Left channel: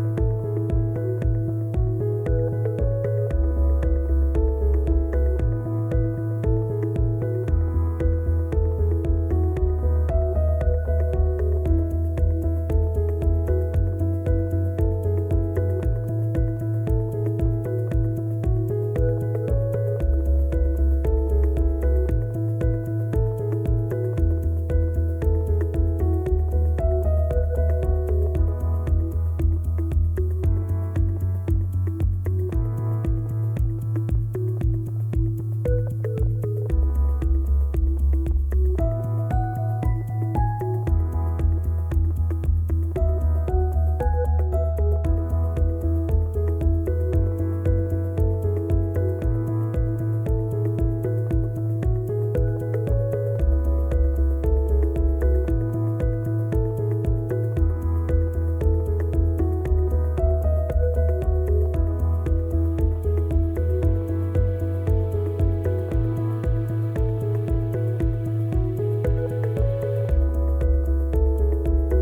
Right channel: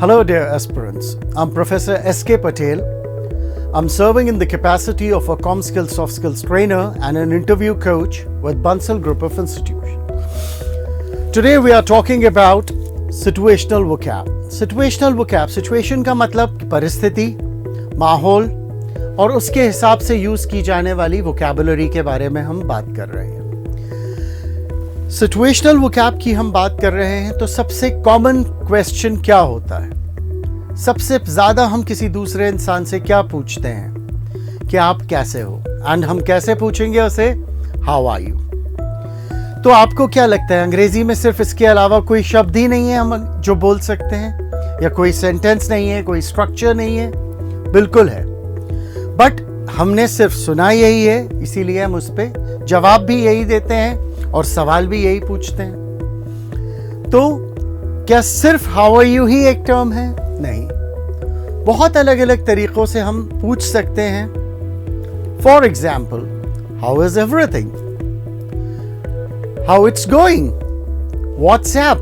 Hello, dear aspirants. I'm Professor S.K. Patel. I'm serving in the capacity of a ComSkills Soft Skills trainer and an interview coach with Bansal Group of Institutions. Today we are talking about situational vocab. Situational vocab, situation का मतलब परिस्थिति, माहौल और उसके हिसाब से use की जाने वाली वोकैबुलरी के बारे में हम बात कर रहे हैं। सिचुएशनल वोकैब की हम बात कर रहे हैं तो सबसे कॉमन क्वेश्चन क्या होता है? सबसे ज्यादा हम किसी दूसरे इंसान से क्या पूछते हैं कि आप कैसे हो, एंड हम कैसे पूछेंगे उसे? How are you. तो आपको क्या लगता है, अंग्रेजी में सिर्फ इसके अलावा कोई शब्द ही नहीं है हम जो बोल सकते हैं, या कोई सेंटेंस नहीं है, कोई स्ट्रक्चर नहीं है? बिल्कुल है, बट हमने सिर्फ सुना यही है, इसीलिए हम उस पर जवाब भी यही देते हैं और सवाल भी यही पूछते हैं। तो क्या सिर्फ हाउ आर यू ही एक टर्म है? नहीं, बहुत अलग अलग तरीकों से हम पूछ सकते हैं। For example, how is everything, how it's going, WhatsApp,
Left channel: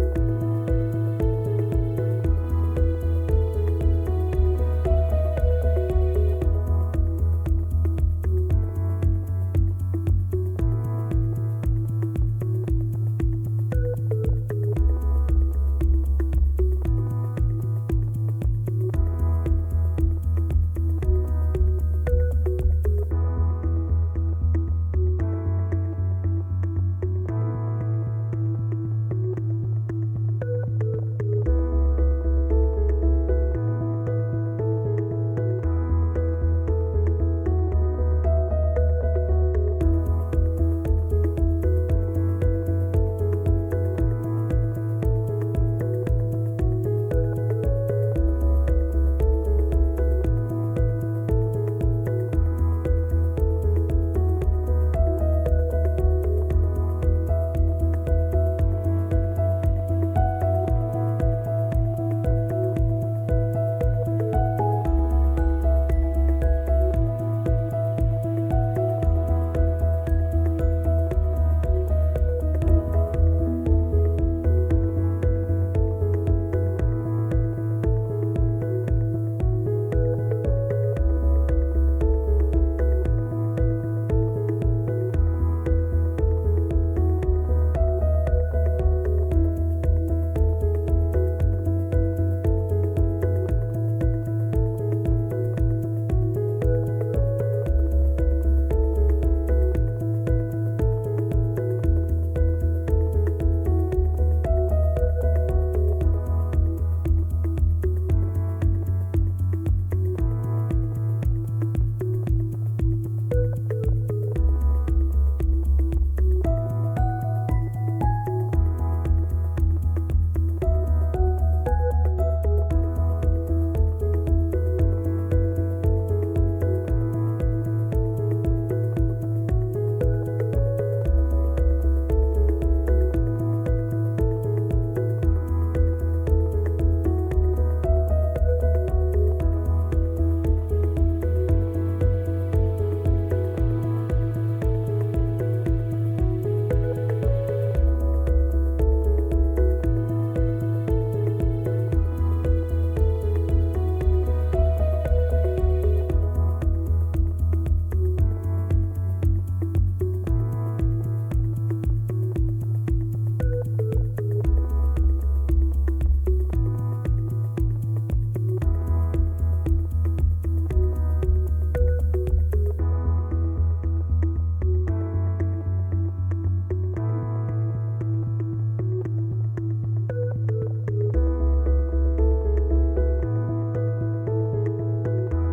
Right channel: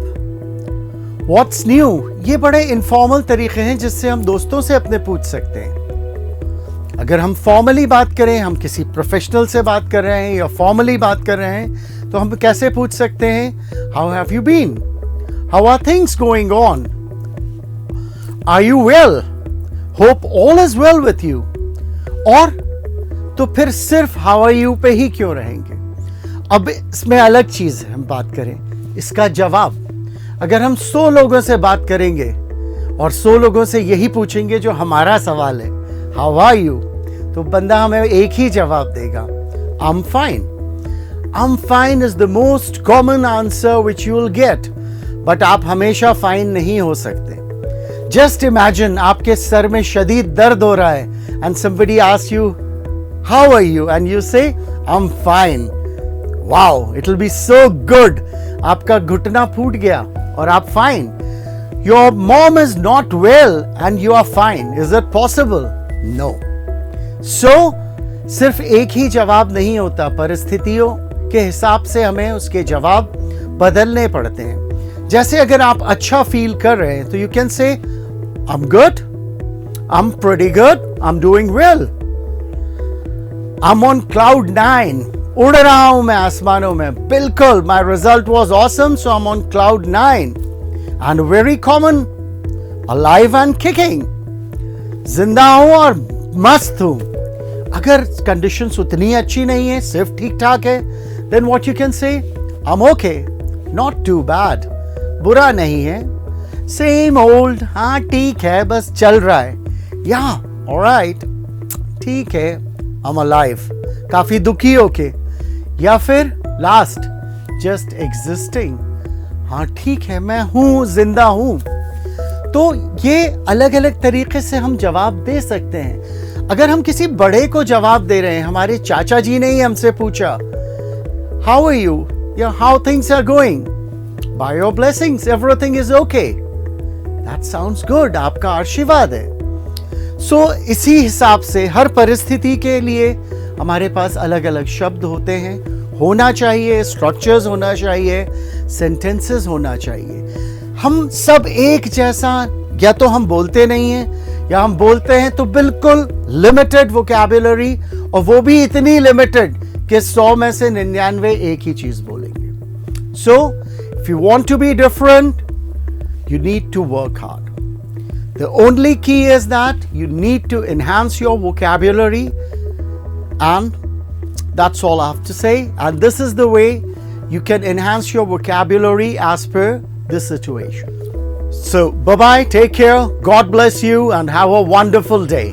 what's new. ये बड़े इनफॉर्मल तरीके हैं जिससे हम दोस्तों से अपने पूछ सकते हैं। अगर हम फॉर्मली बात करें, हम किसी प्रोफेशनल से बात कर रहे हैं या फॉर्मली बात कर रहे हैं, तो हम कैसे पूछ सकते हैं? How have you been, how are things going on, are you well, hope all is well with you. और तो फिर सिर्फ हाउ आर यू पे ही क्यों रहेंगे? अब इसमें अलग चीज है, हम बात करें इसका जवाब। अगर हम 100 लोगों से बात करेंगे और 100 लोगों से यही पूछेंगे जो हमारा सवाल है, हाउ आर यू, तो बंदा हमें एक ही जवाब देगा, I am fine. I'm fine is the most common answer which you will get, but आप हमेशा फाइन नहीं हो सकते। Just imagine आपके सर में शदीद दर्द हो रहा है and somebody asks you, how are you? And you say, I'm fine. Wow, it will be so good. आपका घुटना फूट गया और आप fine. Your mom is not well and you are fine. Is it possible? No. So, सिर्फ एक ही जवाब नहीं होता, परिस्थितियों के हिसाब से हमें उसके जवाब बदलने पड़ते हैं। जैसे अगर आप अच्छा फील कर रहे हैं तो you can say I am good, I am pretty good, I am doing well, I am on cloud 9, उड़ रहा हूं मैं आसमानों में, बिल्कुल, my result was awesome so I am on cloud 9 and very common, alive and kicking, जिंदा हूं और मस्त हूं। अगर कंडीशंस उतनी अच्छी नहीं है, सिर्फ ठीक ठाक है, then what you can say, I'm okay, not too bad, बुरा नहीं है, same old, हाँ ठीक है, बस चल रहा है, yeah, alright, ठीक है, I'm alive, काफी दुखी होके, या फिर लास्ट, just existing, हाँ ठीक है, मैं हूँ, जिंदा हूँ। तो ये अलग अलग तरीके से हम जवाब दे सकते हैं। अगर हम किसी बड़े को जवाब दे रहे हैं, हमारे चाचा जी ने ही हमसे पूछा, how are you, या how things are going, by your blessings everything is okay, that sounds good, आपका आशीर्वाद है। So इसी हिसाब से हर परिस्थिति के लिए हमारे पास अलग अलग शब्द होते हैं, होना चाहिए, स्ट्रक्चर्स होना चाहिए, सेंटेंसेस होना चाहिए। हम सब एक जैसा या तो हम बोलते नहीं हैं, या हम बोलते हैं तो बिल्कुल लिमिटेड वोकैबुलरी, और वो भी इतनी लिमिटेड कि 100 में से 99 एक ही चीज बोलेंगे। So if you want to be different, you need to work hard. The only key is that you need to enhance your vocabulary, and that's all I have to say. And this is the way you can enhance your vocabulary as per the situation. So bye-bye, take care, God bless you, and have a wonderful day.